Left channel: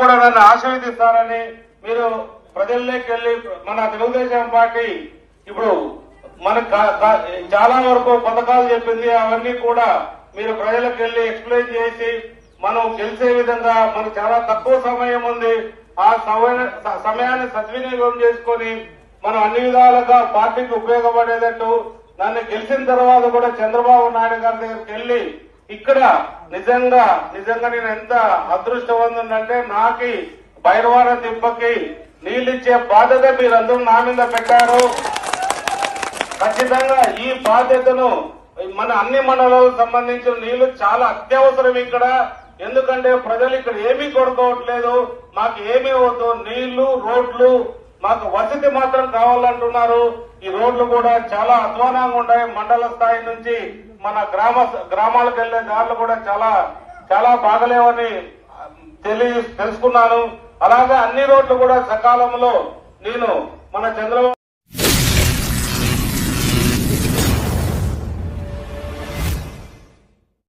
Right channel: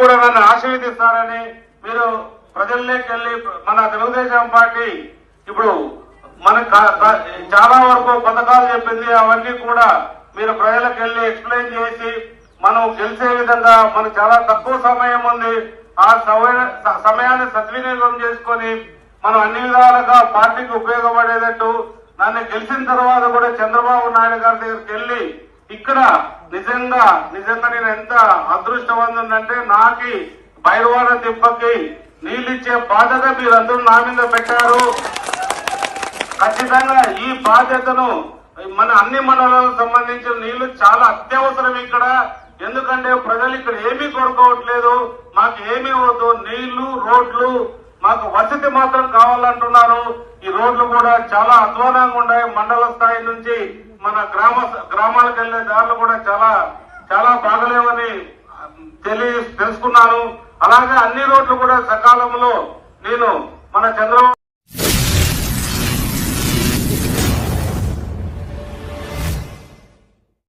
కూడా నన్ను ఆశీర్వదిస్తానని మీరు ప్రజల్లోకి వెళ్ళి మన తెలుగుదేశం పార్టీ ఇప్పుడు మన చాలా వరకు పథకాలు చెప్పింది అవన్నీ కూడా మీరు ప్రజలకు వెళ్ళి ఎక్స్ప్లెయిన్ చేసి మనం గెలిచే విధంగా మనకు చాలా తక్కువ సమయం ఉంది ఆ సమయాన్ని సద్వినియోగం చేసుకుని మనం అన్ని విధాలుగా పార్టీకి ఉపయోగపడేటట్టు నన్ను గెలిచిన తర్వాత కూడా చంద్రబాబు నాయుడు గారి దగ్గరికి వెళ్ళి ఇక్కడ నిజంగా నిజంగా నేను ఎంత అదృష్టవంతుందంటే నాకి బైరవాడ నీళ్ళు నీళ్ళిచ్చే బాధ్యత మీరందరూ నా మీద పెట్టారు ఖచ్చితంగా ఈ బాధ్యతను మన అన్ని మండలాలకు సంబంధించిన నీళ్లు చాలా అత్యవసరం ఇక్కడ ఎందుకంటే ప్రజలు ఇక్కడ ఏమీ కొనుక్కోవట్లేదు మాకు ఏమీ వద్దు నీళ్లు రోడ్లు మాకు వసతి మాత్రం కావాలంటున్నారు ఈ రోడ్లు కూడా చాలా అధ్వానంగా ఉన్నాయి మండల స్థాయి నుంచి మన గ్రామ గ్రామాలకు వెళ్లే దారులు కూడా చాలా చాలా బాగలేవని తెలి తెలుసుకున్నాను అలాగే అన్ని రోడ్లు కూడా సకాలంలో నేను మన చంద్రబాబు